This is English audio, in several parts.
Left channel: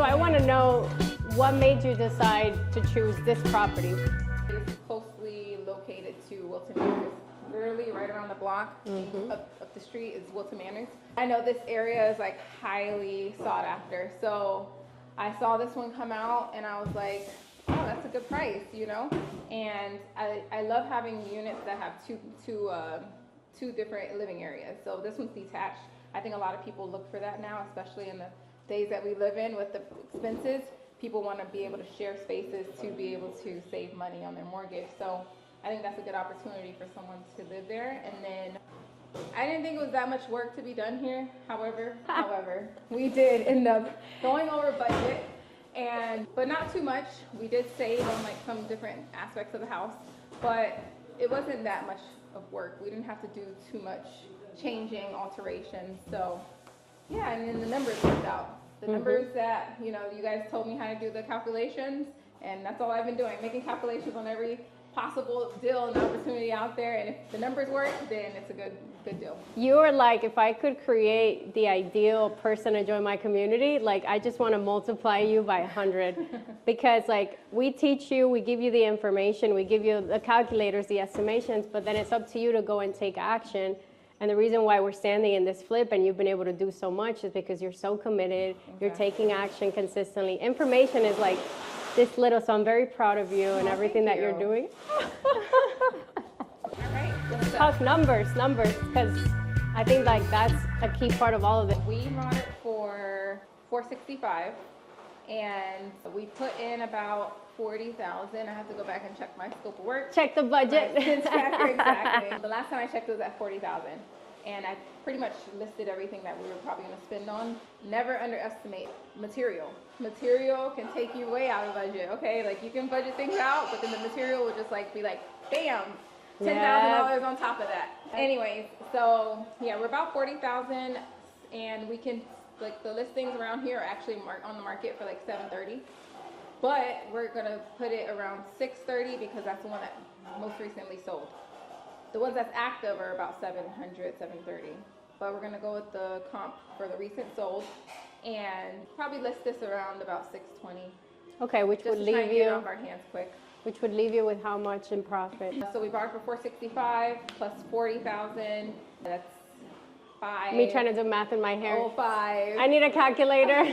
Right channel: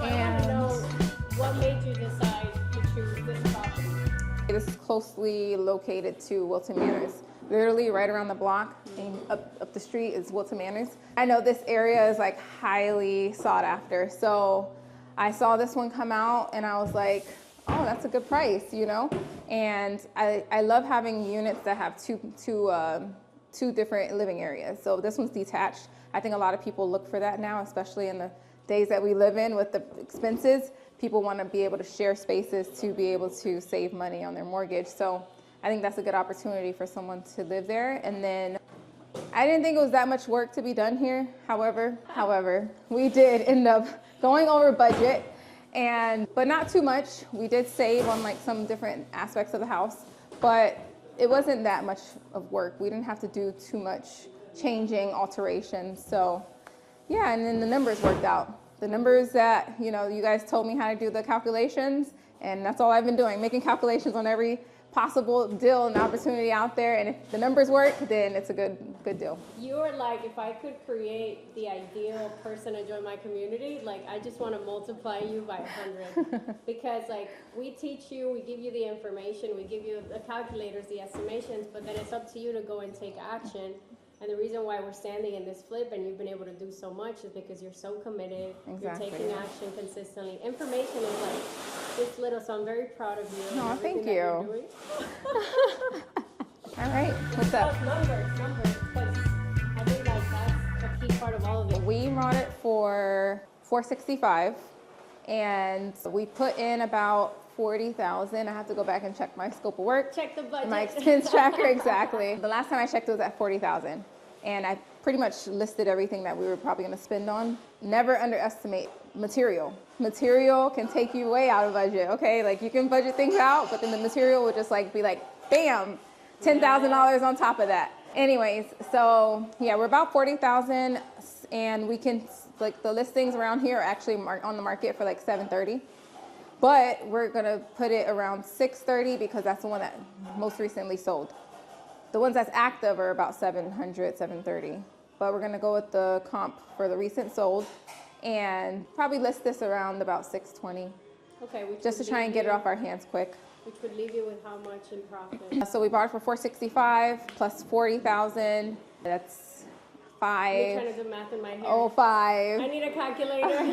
So I want to know what made you decide to choose this property. This is closely located to Wilton Manors. Literally right around the block, up the street is Wilton Manors. I know this area is like highly sought after, so I saw this one come out and I was like, oh, that's a good price, you know? And I love having units that have two different living areas. So this one's detached. I think a lot of people look for that now, especially in the days that we live in with the expenses. People want to be able to share spaces to be able to save money on their mortgage. So I think that's a good opportunity for someone to live there. And then I didn't think it was that much work to be done here. However, we did end up going over budget, but not too much. We did save on like some different aspects of the house, but it wasn't that much of work. We didn't have to do too much changing, alterations. So yeah, and then the numbers worked out. The numbers that, you know, you guys told me how to do the calculations, and that's all I've been doing, making calculations on every possible deal and opportunity out there. And if the numbers work, then it's a good deal. You are like, if I could create the ideal person to join my community, like I just want to multiply you by 100. Because like we teach you, we give you the information, we give you the calculators, the estimations, but then it's up to you to go and take action. And the reason why we're standing in this flip and you've been able to do so much is because you're so committed, You're taking action consistently. Information is like this little, so I'm very proud of you and everything that you're doing. All right, what's up? Numbers, because I think like that's a key part of all of it. We bought it for $465, and we put in about $40,000. I have to go back and check my scope of work. Check the budget. My expense tracker, exactly. The last time I checked it was at $40,000, and I pretty much listed everything that we were probably going to spend on. Never underestimate material. Material can take you way out of budget. Okay, like you can budget things out, but then the material will just like be like, bam, $10,000 on top of that. Anyways, so yeah, we're about $40,000, and we can like the listings around here are actually on the market for like $730. But we're gonna put it around $630 because that's the one that most recently sold. The ones that's active are about $700, $730. But we're gonna go with the comp for the recent sold and probably list this around about $620. Okay, which just would to try and get it you, off our hands quick. Which would leave you with how much in profit? So we bought it for $465 plus $40,000. That's $5. Me trying to do math in my head. Oh, $5. I need a calculator.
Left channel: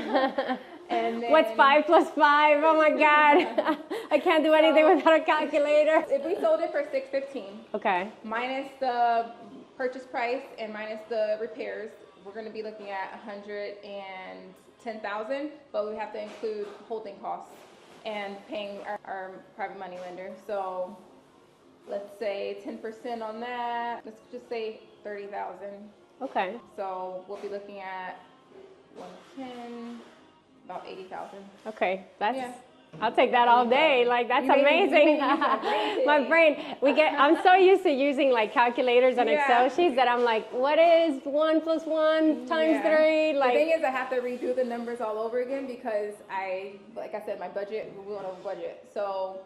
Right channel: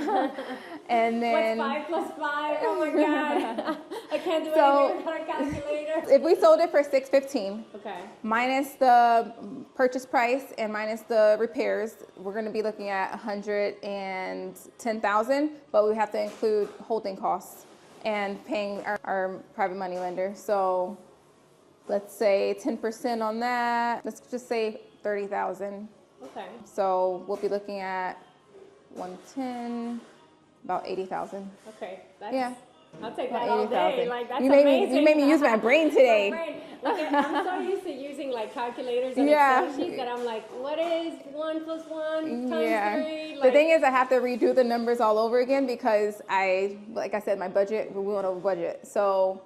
And then what's 5 plus 5? Oh my God. I can't do anything without a calculator. If we sold it for $615, okay, minus the purchase price and minus the repairs, we're going to be looking at $110,000, but we have to include holding costs and paying our private money lender. So let's say 10% on that. Let's just say $30,000. Okay. So we'll be looking at 110, about 80,000. Okay, that's. Yeah. I'll take that all day. Like that's amazing. You made me use my brain today. My brain. I'm so used to using like calculators and Excel sheets that I'm like, what is 1 plus 1 times 3? Like, the thing is, I have to redo the numbers all over again because like I said, my budget, we went over budget, so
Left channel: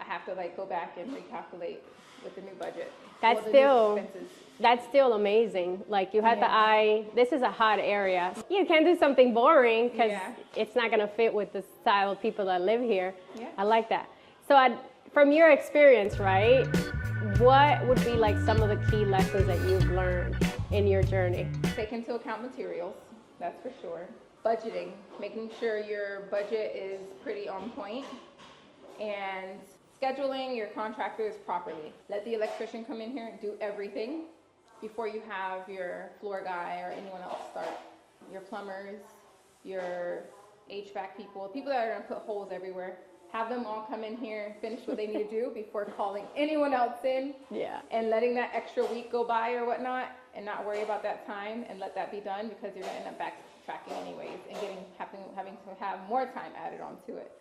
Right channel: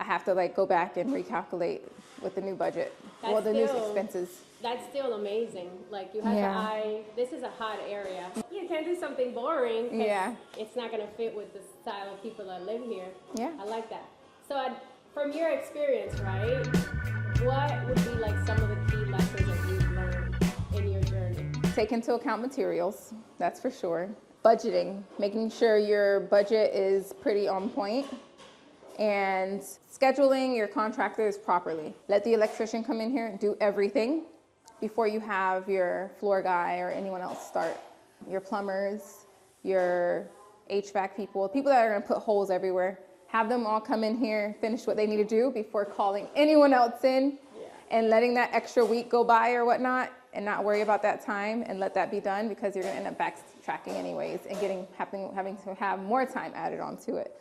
I have to like go back and recalculate with the new budget. That's the still new expenses. That's still amazing. Like you had this is a hot area. You can't do something boring because it's not gonna fit with the style of people that live here. Yeah. I like that. So from your experience, right, what would be like some of the key lessons that you've learned in your journey? Take into account materials, that's for sure. Budgeting, making sure your budget is pretty on point. And scheduling your contractors properly. Let the electrician come in here and do everything before you have your floor guy or anyone else start. Your plumbers, your HVAC people that are gonna put holes everywhere. Have them all come in here, finish what they need to do before calling anyone else in. Yeah. And letting that extra week go by or whatnot and not worry about that time and let that be done because you're gonna end up backtracking anyways and having to have more time added onto it.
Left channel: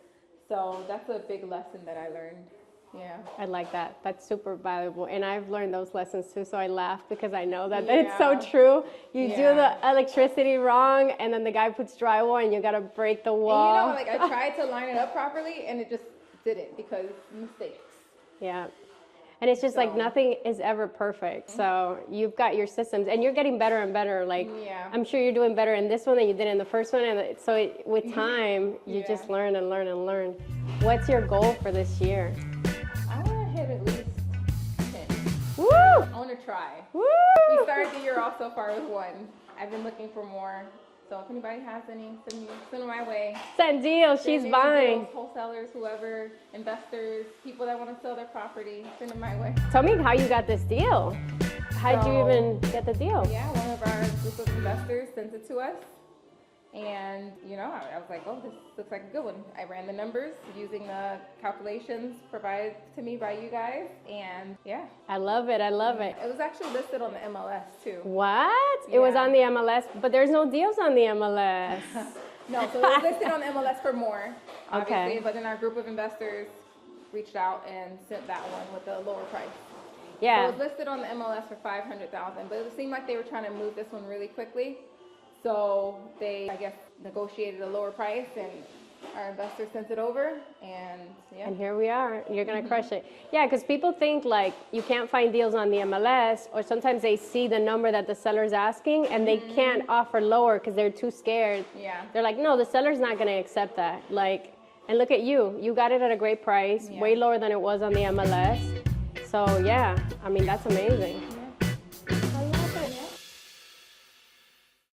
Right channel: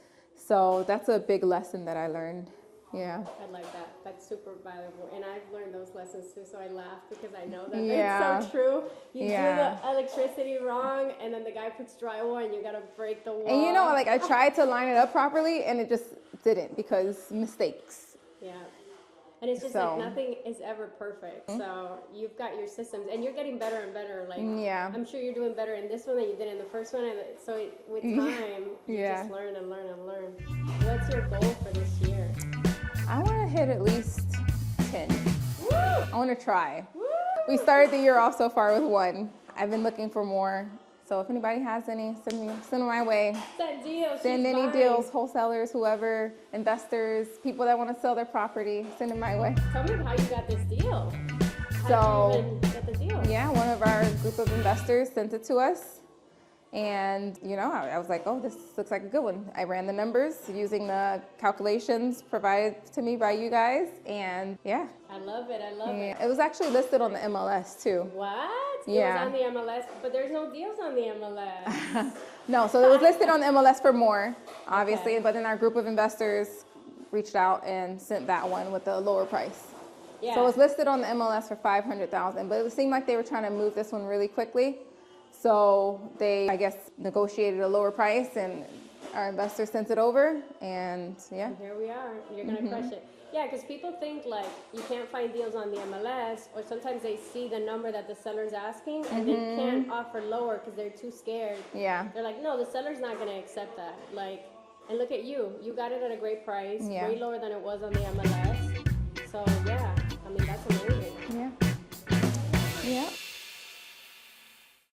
So that's a big lesson that I learned. Yeah. I like that. That's super valuable. And I've learned those lessons too, so I laugh because I know that it's so true. You do the electricity wrong, and then the guy puts drywall, and you got to break the wall. And you know, like I tried to line it up properly, and it just didn't because mistakes. Yeah. And it's just like So- nothing is ever perfect. So you've got your systems and you're getting better and better. Like Yeah. I'm sure you're doing better in this one than you did in the first one. And with time, you Yeah. just learn and learn and learn. What's your goal for this year? I want to hit at least 10. Woo! I want to try. Woo! We started the year off so far with 1. I've been looking for more. So if anybody has any, send them my way. Send deals. Send She's any buying. deals, wholesalers, whoever, investors, people that want to sell their property, send them my way. Tell me how you got this deal. How'd So- you even get the deal? Yeah, one of our group of investors sent it to us. And, I was like, oh, this looks like a good one. I ran the numbers using the calculations provided to me by you guys. And yeah. I love it. I love it. It was actually listed on the MLS too. What? It was Yeah. on the MLS, but there's no deals on the MLS. No, so it was listed on the MLS for more, obviously. Okay. But then our group of investors reached out and sent that one with a lower price. So Yeah. it was listed on the MLS for $500,000, but it seemed like they were trying to move this one really quickly. So they, I guess, negotiated a lower price, and our investor sent it over, and yeah. And here we are. You're going to crush it. Yeah, because people think like you can't find deals on the MLS, or sometimes they see the number that the seller's asking and they can't offer lower because they're too scared. Yeah. They're like, no, the seller's not going to accept that. Like, and look at you. You got it at a great price, Yeah. way lower than it was on the MLS. So yeah, I mean, that's amazing. Yeah.